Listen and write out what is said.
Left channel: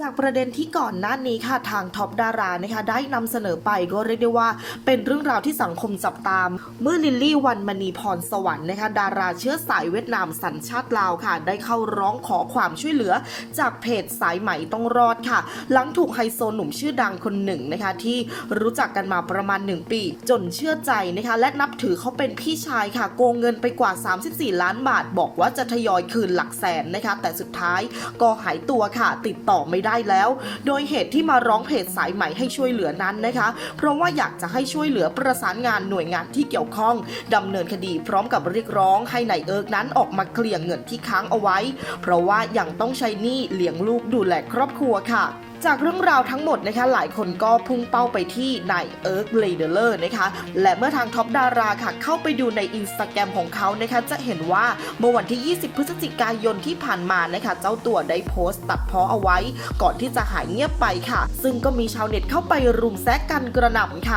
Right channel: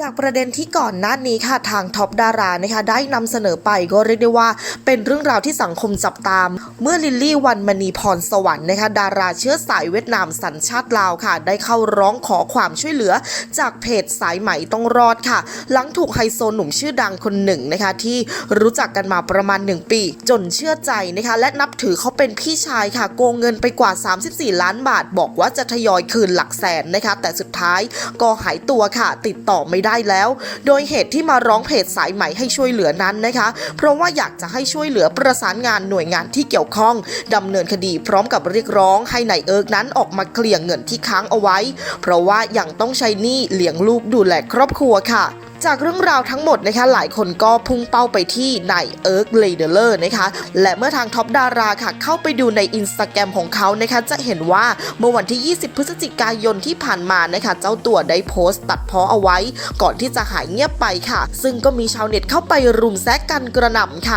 จากประเด็นที่ก่อนหน้านี้ค่ะทางท็อปดารานะคะได้นำเสนอไปก็เรียกได้ว่า เป็นเรื่องราวที่สังคมจับตาม เมื่อลิลลี่วันมณีพรสวรรค์นะคะดาราเชื้อสายเวียดนามสัญชาติลาวค่ะ ได้เข้าร้องขอความช่วยเหลือ จากเพจสายไหมต้องรอดค่ะ หลังถูกไฮโซหนุ่มชื่อดังคนหนึ่งนะคะที่รู้จักกันมาประมาณ 1 ปี จนเชื่อใจนะคะและนับถือเขาเป็นพี่ชายค่ะโกงเงินไปกว่า 34 ล้านบาท บอกว่าจะทยอยคืนหลักแสนนะคะแต่สุดท้ายก็หายตัวค่ะติดต่อไม่ได้แล้ว โดยเหตุที่มาร้องเพจสายใหม่ให้ช่วยเหลือนั้นนะคะ เพราะว่าอยากจะให้ช่วยเหลือประสานงานหน่วยงานที่เกี่ยวข้องดำเนินคดีพร้อมกับเรียกร้องให้นายเอิร์กนั้นออกมาเคลียร์เงินที่ค้างเอาไว้ เพราะว่ายังต้องใช้หนี้เลี้ยงลูกดูแลครอบครัวค่ะ จากเรื่องราวทั้งหมดนะคะหลายคนก็พุ่งเป้าไปที่นายเอิร์กเลเดเลอร์นะคะและเมื่อทางท็อปดาราค่ะเข้าไปดูในอินสตาแกรมของเขานะคะจะเห็นว่าเมื่อวันที่ 20 พฤศจิกายนที่ผ่านมานะคะเจ้าตัวได้โพสต์ตัดเพ้อเอาไว้ ก่อนที่จะหายเงียบไปค่ะ ซึ่งก็มีชาวเน็ตเข้าไปรุมแซกกันกระหน่ำค่ะ